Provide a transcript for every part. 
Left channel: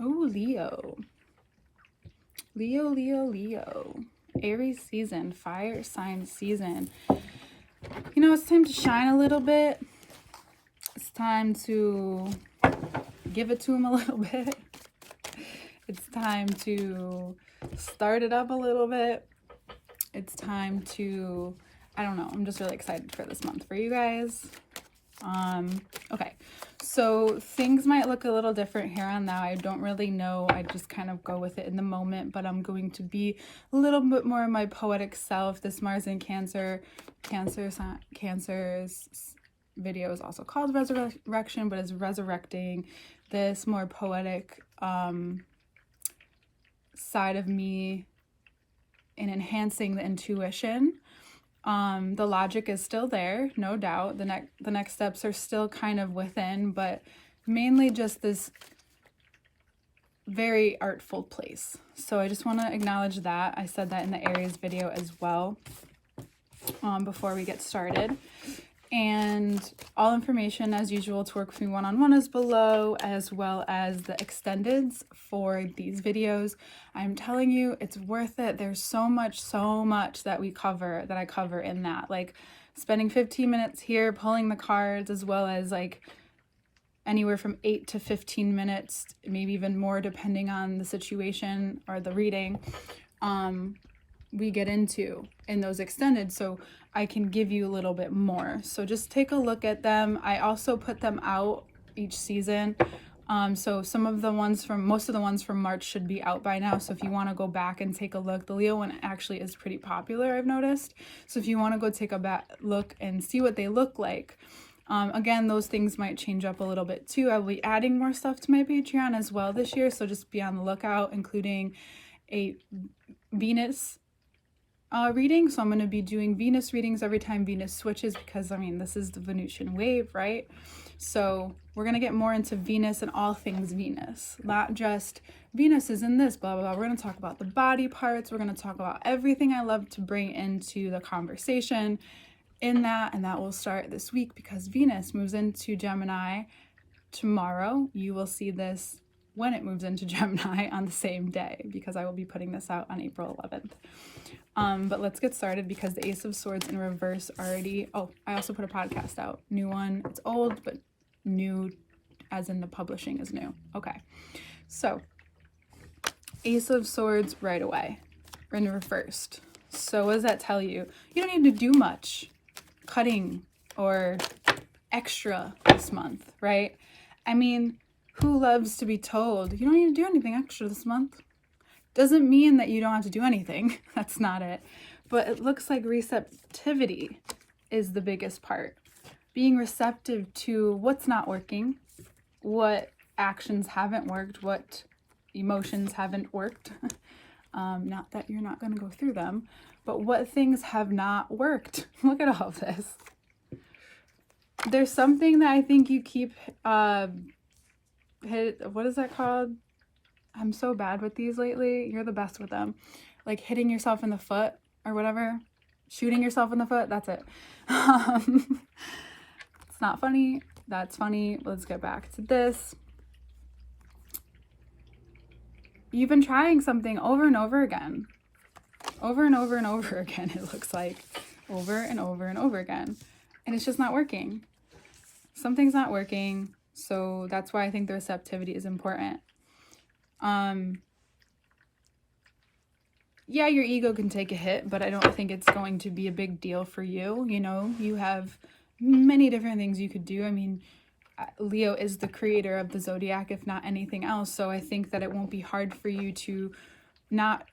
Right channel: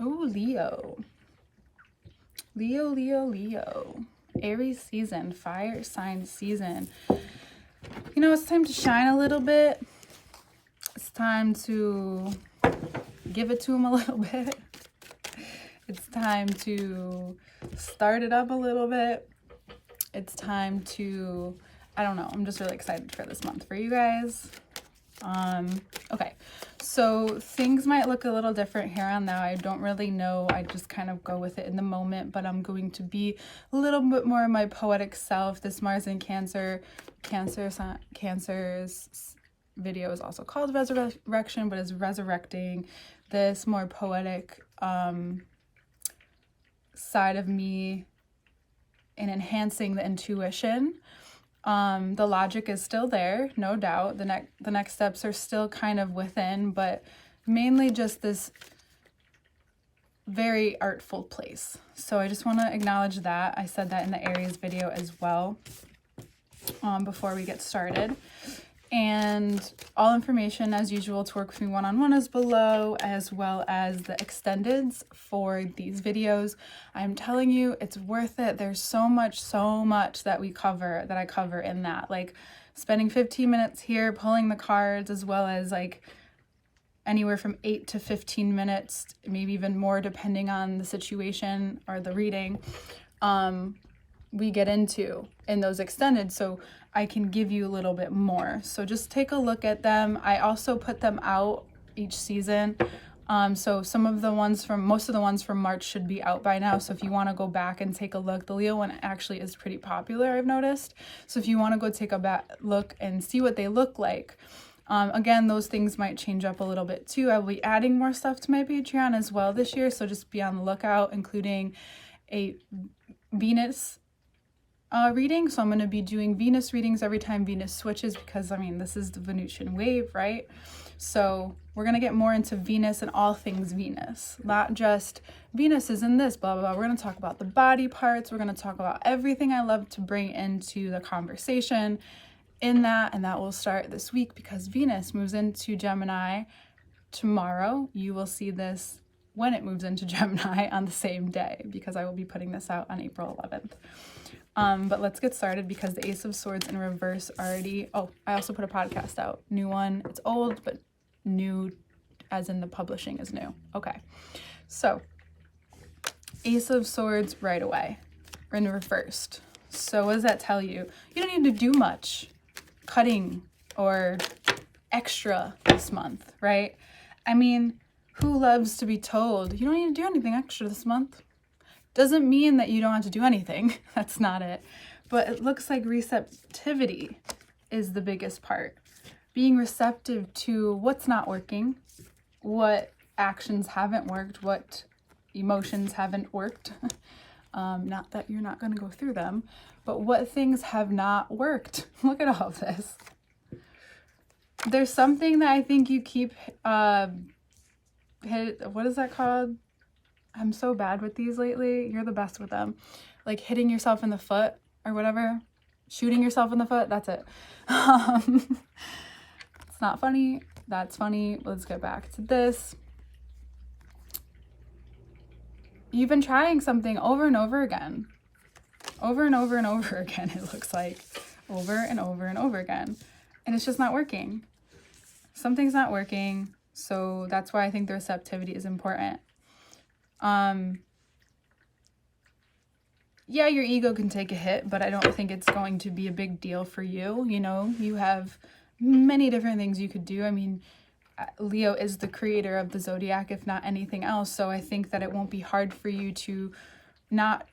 Oh, Leo. Leo, Leo, Leo. Aries season, fire sign season. You know, it's time to shine a little bit. It's time to give it to him a little bit. It's time to start it up a little bit. It's time to, I don't know, I'm just really excited for this month for you guys. Okay, so things might look a little different here on now. I don't really know. I just kind of go with it in the moment, but I'm going to be a little bit more my poetic self. This Mars in Cancer's video is also called Resurrection, but is resurrecting this more poetic side of me and enhancing the intuition. The logic is still there, no doubt. The next steps are still kind of within, but mainly just this very artful place. So I just want to acknowledge that. I said that in the Aries video as well, before we get started. And all information, as usual, to work with me one-on-one is below, as well as the extendeds for these videos. I'm telling you, it's worth it. There's so much that I cover in that. Like spending 15 minutes here, pulling the cards, as well as like anywhere from 8 to 15 minutes, maybe even more, depending on the situation or the reading, we get into in those extended. So I can give you a little bit more. So just take a look at them. I also put them out each season. So most of the ones from March should be out by now. So if you want to go back and take a look, the Leo one actually is pretty popular, I've noticed. So if you want to go take a look and see what they look like. Again, those things might change up a little bit too. I will be adding more stuff to my Patreon as well this year. So just be on the lookout, including a Venus reading. So I'm going to be doing Venus readings every time Venus switches, because I mean, this is the Venusian wave, right? So we're going to get more into Venus and all things Venus, not just Venus is in this, blah, blah, blah. We're going to talk about the body parts. We're going to talk about everything I love to bring into the conversation in that. And that will start this week because Venus moves into Gemini tomorrow. You will see this when it moves into Gemini on the same day, because I will be putting this out on April 11th. But let's get started, because the Ace of Swords in reverse already, I also put a podcast out, new one. It's old, but new as in the publishing is new. Okay. So Ace of Swords right away, in reversed. So what does that tell you? You don't need to do much cutting or extra this month, right? I mean, who loves to be told you don't need to do anything extra this month? Doesn't mean that you don't have to do anything. That's not it. But it looks like receptivity is the biggest part. Being receptive to what's not working, what actions haven't worked, what emotions haven't worked. Not that you're not going to go through them, but what things have not worked. Look at all this. There's something that I think you keep, what is that called? I'm so bad with these lately. You're the best with them. Like hitting yourself in the foot or whatever. Shooting yourself in the foot. That's it. It's not funny. That's funny. Let's get back to this. You've been trying something over and over again. Over and over and over again, it looks like. Over and over and over again. And it's just not working. Something's not working. So that's why I think the receptivity is important. Yeah, your ego can take a hit, but I don't think it's going to be a big deal for you. You know, you have many different things you could do. I mean, Leo is the creator of the zodiac, if not anything else. So I think that it won't be hard for you to not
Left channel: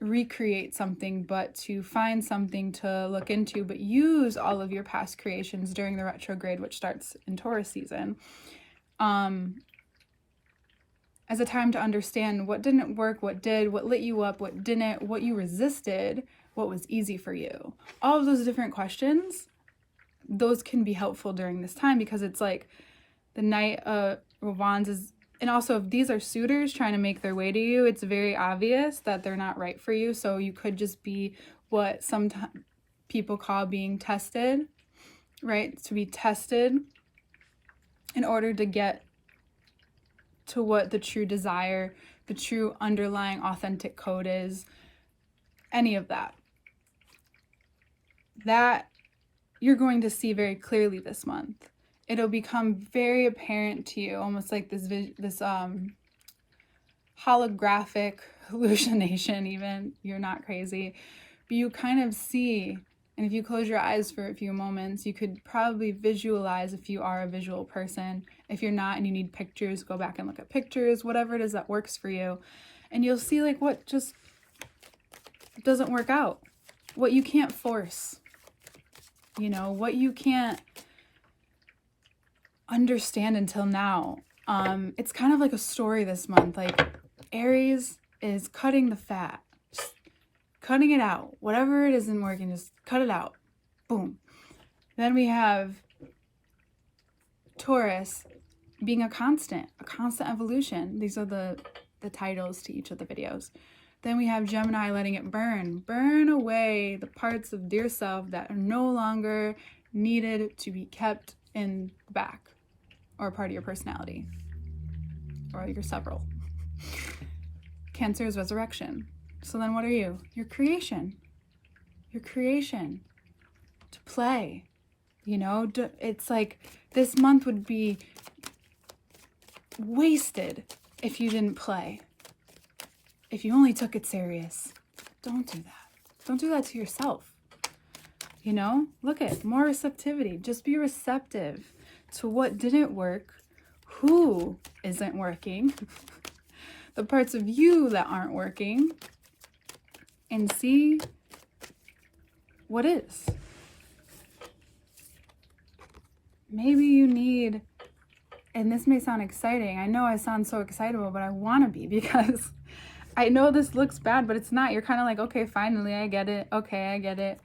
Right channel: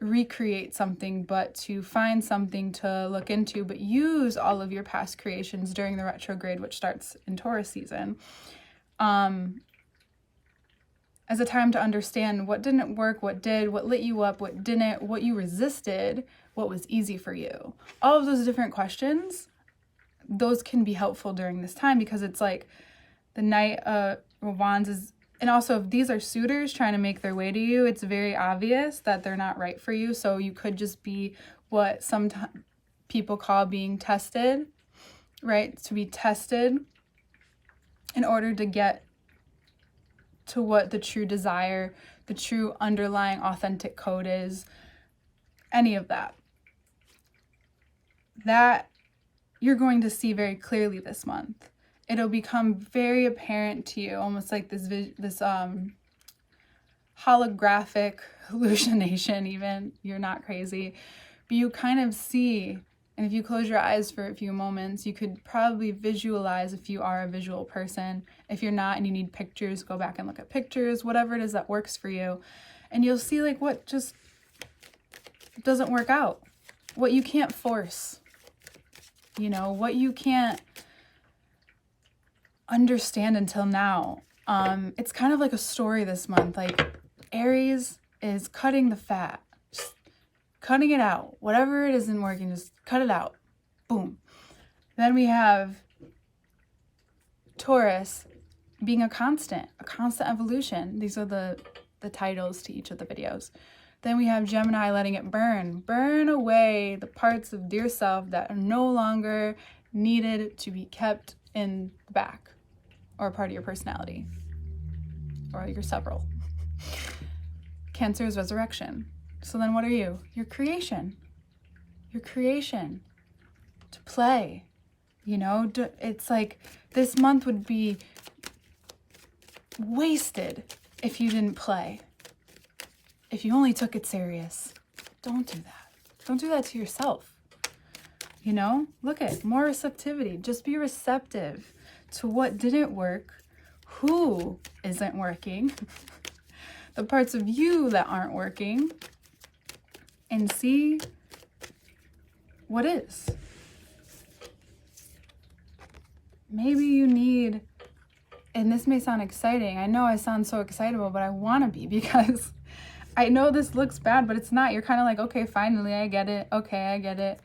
recreate something, but to find something to look into, but use all of your past creations during the retrograde, which starts in Taurus season. As a time to understand what didn't work, what did, what lit you up, what didn't, what you resisted, what was easy for you. All of those different questions, those can be helpful during this time, because it's like the Knight of Wands is, and also if these are suitors trying to make their way to you, it's very obvious that they're not right for you. So you could just be what some people call being tested, right? To be tested in order to get to what the true desire, the true underlying authentic code is, any of that. That you're going to see very clearly this month. It'll become very apparent to you, almost like this holographic hallucination even. You're not crazy. But you kind of see, and if you close your eyes for a few moments, you could probably visualize if you are a visual person. If you're not and you need pictures, go back and look at pictures, whatever it is that works for you. And you'll see like what just doesn't work out, what you can't force, you know, what you can't understand until now. It's kind of like a story this month. Like Aries is cutting the fat, just cutting it out. Whatever it isn't working, just cut it out. Boom. Then we have Taurus being a constant evolution. These are the titles to each of the videos. Then we have Gemini letting it burn away the parts of dear self that are no longer needed to be kept in the back, or a part of your personality, or your several. Cancer is resurrection. So then what are you? Your creation. Your creation. To play. You know, it's like this month would be wasted if you didn't play. If you only took it serious. Don't do that. Don't do that to yourself. You know, look at more receptivity. Just be receptive to what didn't work, who isn't working, the parts of you that aren't working, and see what is. Maybe you need, and this may sound exciting. I know I sound so excitable, but I want to be, because I know this looks bad, but it's not. You're kind of like, okay, finally, I get it. Okay, I get it.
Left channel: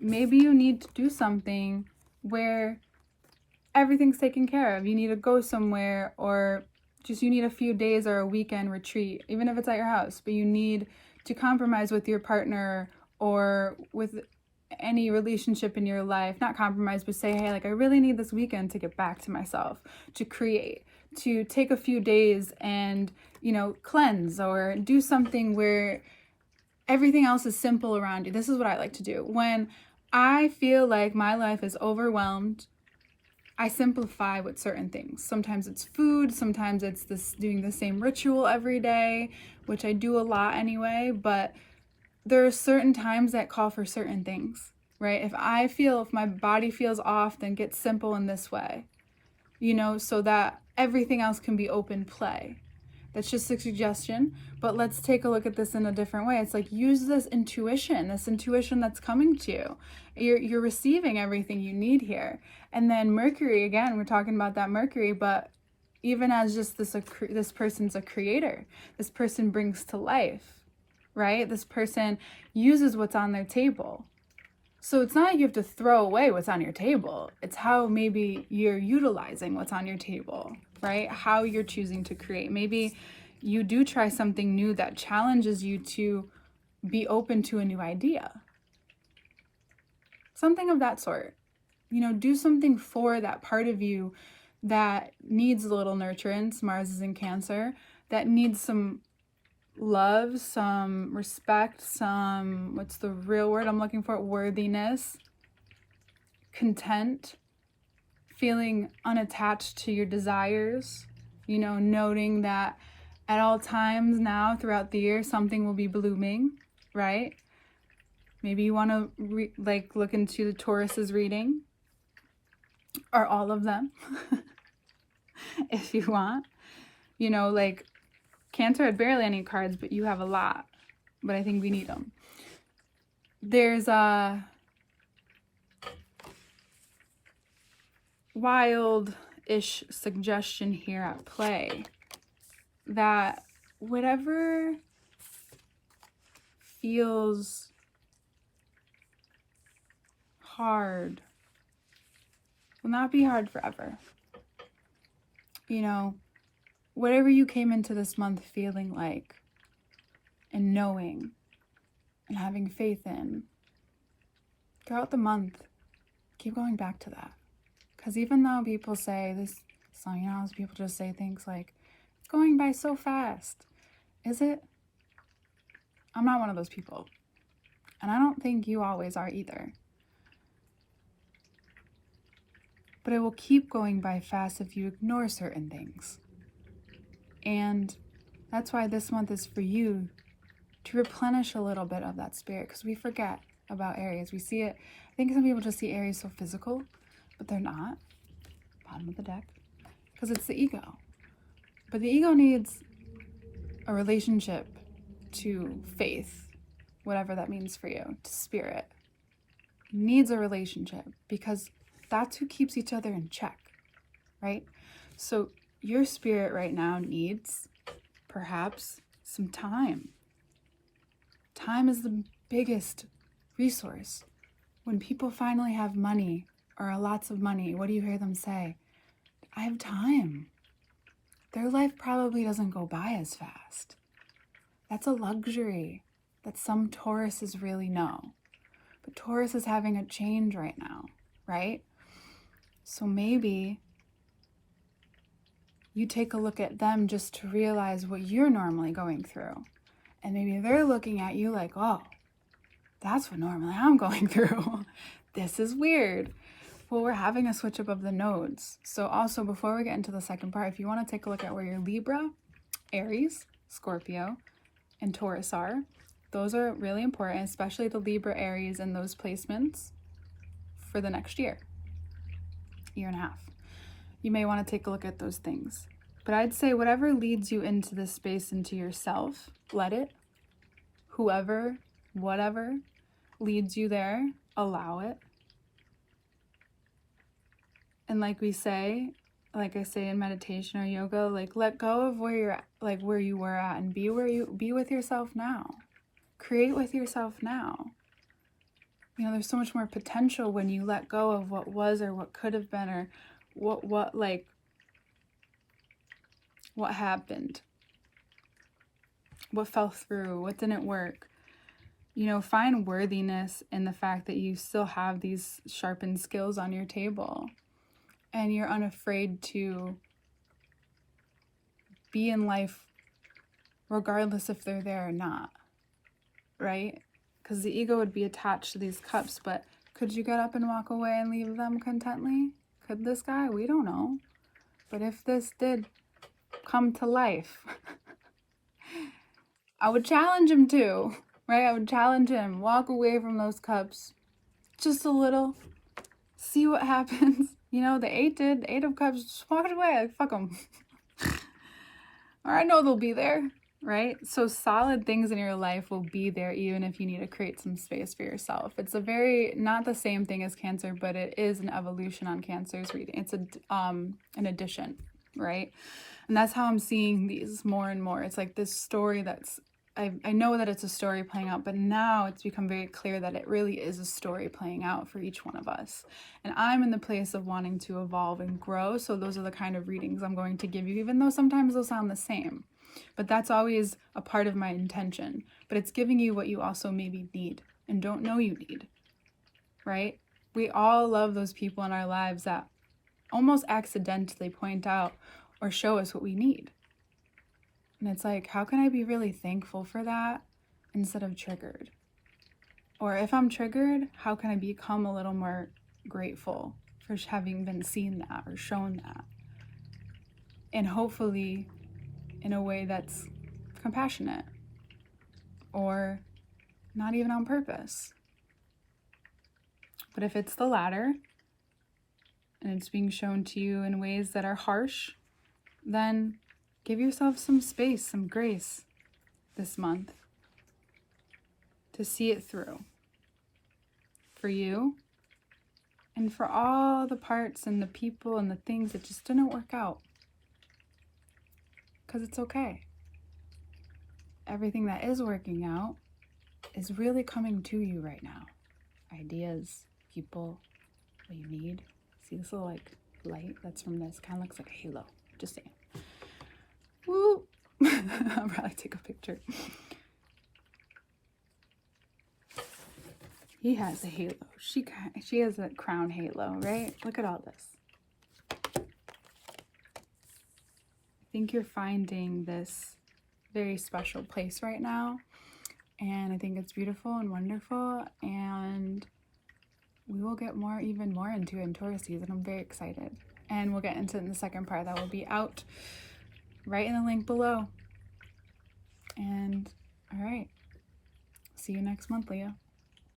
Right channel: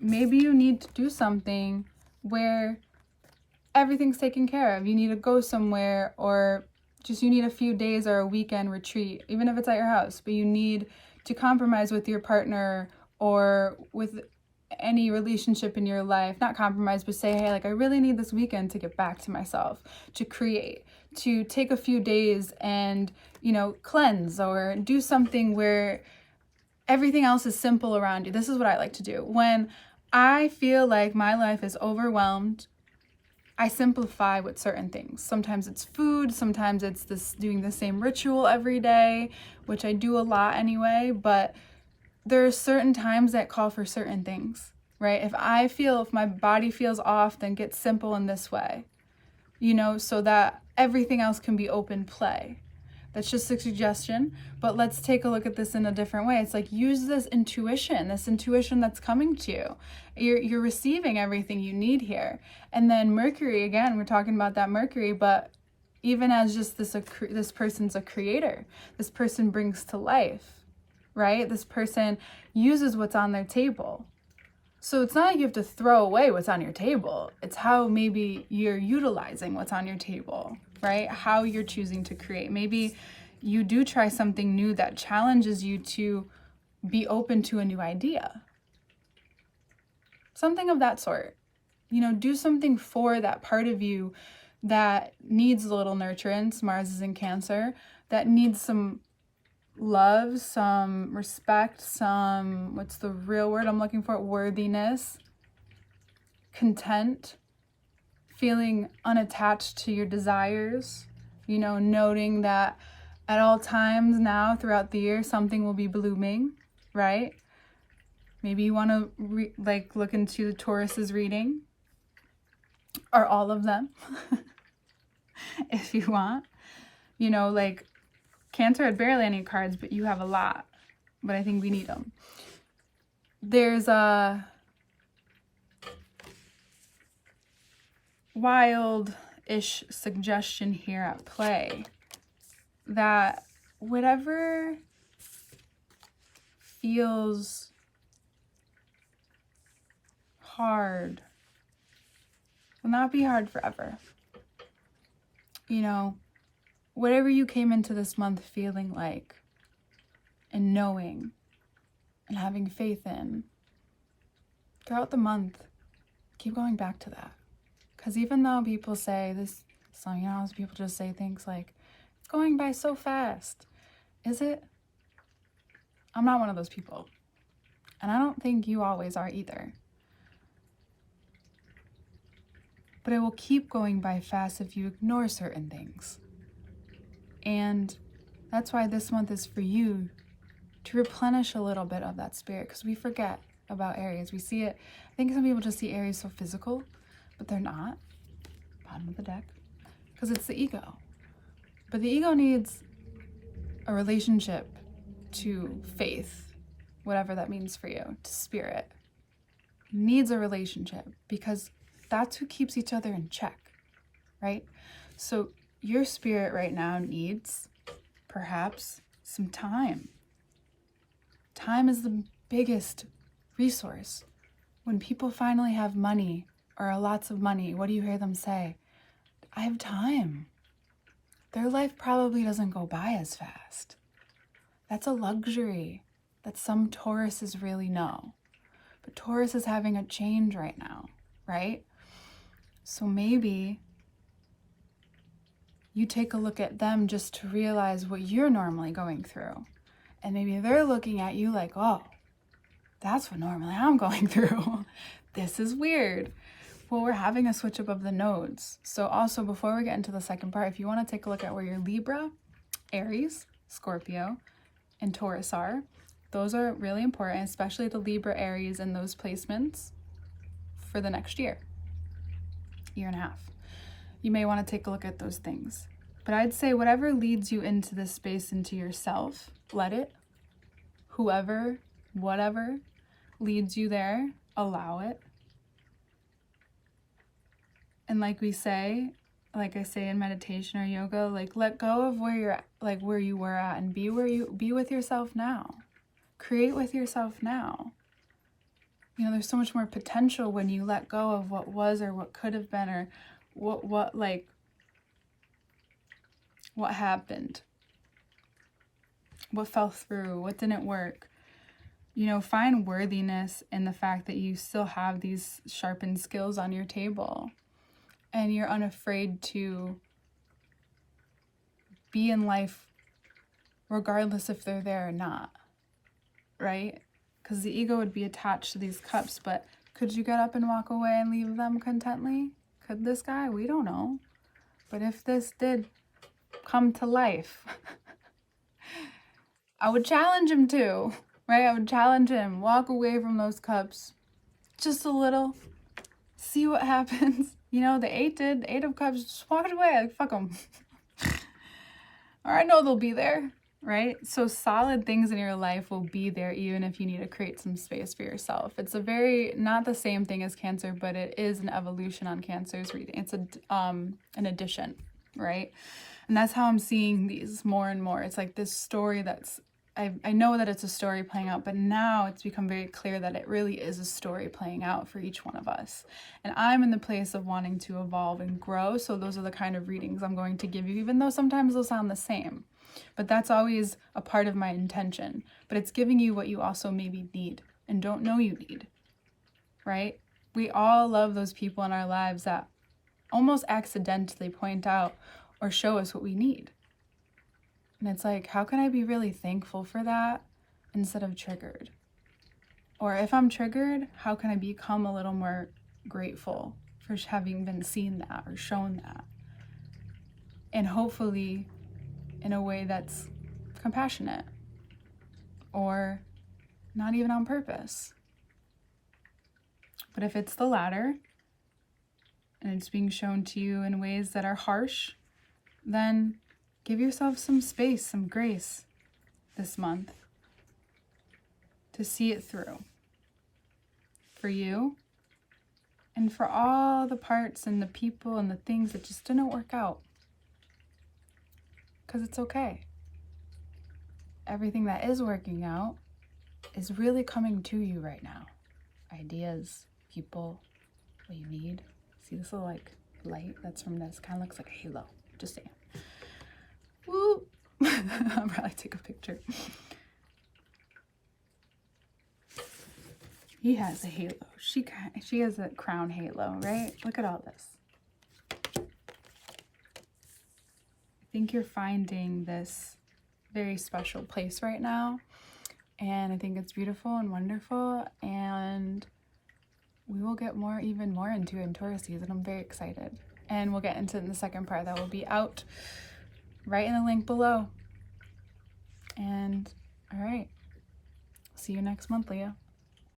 Maybe you need to do something where everything's taken care of. You need to go somewhere, or just you need a few days or a weekend retreat, even if it's at your house, but you need to compromise with your partner or with any relationship in your life. Not compromise, but say, hey, like I really need this weekend to get back to myself, to create, to take a few days and, you know, cleanse, or do something where everything else is simple around you. This is what I like to do. When I feel like my life is overwhelmed, I simplify with certain things. Sometimes it's food, sometimes it's this doing the same ritual every day, which I do a lot anyway, but there are certain times that call for certain things, right? If my body feels off, then get simple in this way, you know, so that everything else can be open play. That's just a suggestion, but let's take a look at this in a different way. It's like, use this intuition that's coming to you. You're receiving everything you need here. And then Mercury, again, we're talking about that Mercury, but even as just this person's a creator, this person brings to life, right? This person uses what's on their table. So it's not like you have to throw away what's on your table. It's how maybe you're utilizing what's on your table, right? How you're choosing to create. Maybe you do try something new that challenges you to be open to a new idea. Something of that sort. You know, do something for that part of you that needs a little nurturance. Mars is in Cancer. That needs some love, some respect, some, what's the real word I'm looking for? Worthiness, content, feeling unattached to your desires, you know, noting that at all times now throughout the year, something will be blooming, right? Maybe you want to look into the Taurus's reading, or all of them, if you want. You know, like Cancer had barely any cards, but you have a lot. But I think we need them. There's a wild-ish suggestion here at play that whatever feels hard will not be hard forever. You know, whatever you came into this month feeling like and knowing and having faith in, throughout the month, keep going back to that. Because even though people say this, some, you know, people just say things like, going by so fast. Is it? I'm not one of those people. And I don't think you always are either. But it will keep going by fast if you ignore certain things. And that's why this month is for you to replenish a little bit of that spirit, because we forget about Aries. We see it, I think some people just see Aries so physical, but they're not. Bottom of the deck. Because it's the ego. But the ego needs a relationship to faith, whatever that means for you, to spirit. It needs a relationship because that's who keeps each other in check, right? So your spirit right now needs perhaps some time. Time is the biggest resource. When people finally have money or lots of money, what do you hear them say? I have time. Their life probably doesn't go by as fast. That's a luxury that some Tauruses really know. But Taurus is having a change right now, right? So maybe you take a look at them just to realize what you're normally going through. And maybe they're looking at you like, oh, that's what normally I'm going through. This is weird. Well, we're having a switch up of the nodes. So also, before we get into the second part, if you want to take a look at where your Libra, Aries, Scorpio, and Taurus are, those are really important, especially the Libra, Aries, and those placements for the next year and a half. You may want to take a look at those things. But I'd say whatever leads you into this space, into yourself, let it. Whoever, whatever leads you there, allow it. And like I say in meditation or yoga, like let go of where you're at, like where you were at, and be with yourself now. Create with yourself now. You know, there's so much more potential when you let go of what was or what could have been or what happened, what fell through, what didn't work. You know, find worthiness in the fact that you still have these sharpened skills on your table. And you're unafraid to be in life regardless if they're there or not, right? Because the ego would be attached to these cups, but could you get up and walk away and leave them contently? Could this guy? We don't know. But if this did come to life, I would challenge him to, right? I would challenge him, walk away from those cups just a little, see what happens. You know, the 8 did. 8 of Cups just walked away. Like, fuck them. Or I know they'll be there, right? So solid things in your life will be there even if you need to create some space for yourself. It's a very, not the same thing as Cancer, but it is an evolution on Cancer's reading. It's an addition, right? And that's how I'm seeing these more and more. It's like this story that's, I know that it's a story playing out, but now it's become very clear that it really is a story playing out for each one of us. And I'm in the place of wanting to evolve and grow. So those are the kind of readings I'm going to give you, even though sometimes they'll sound the same. But that's always a part of my intention. But it's giving you what you also maybe need and don't know you need, right? We all love those people in our lives that almost accidentally point out or show us what we need. And it's like, how can I be really thankful for that instead of triggered? Or if I'm triggered, how can I become a little more grateful for having been seen that or shown that? And hopefully in a way that's compassionate or not even on purpose. But if it's the latter and it's being shown to you in ways that are harsh, then give yourself some space, some grace this month to see it through for you and for all the parts and the people and the things that just didn't work out. Because it's okay. Everything that is working out is really coming to you right now. Ideas, people, what you need. See this little like light that's from this? Kind of looks like a halo. Just saying. Woo! I'll probably take a picture. He has a halo. She has a crown halo, right? Look at all this. I think you're finding this very special place right now. And I think it's beautiful and wonderful. And we will get even more into it in tourist season. I'm very excited. And we'll get into it in the second part that will be out right in the link below. And all right, see you next month, Leo.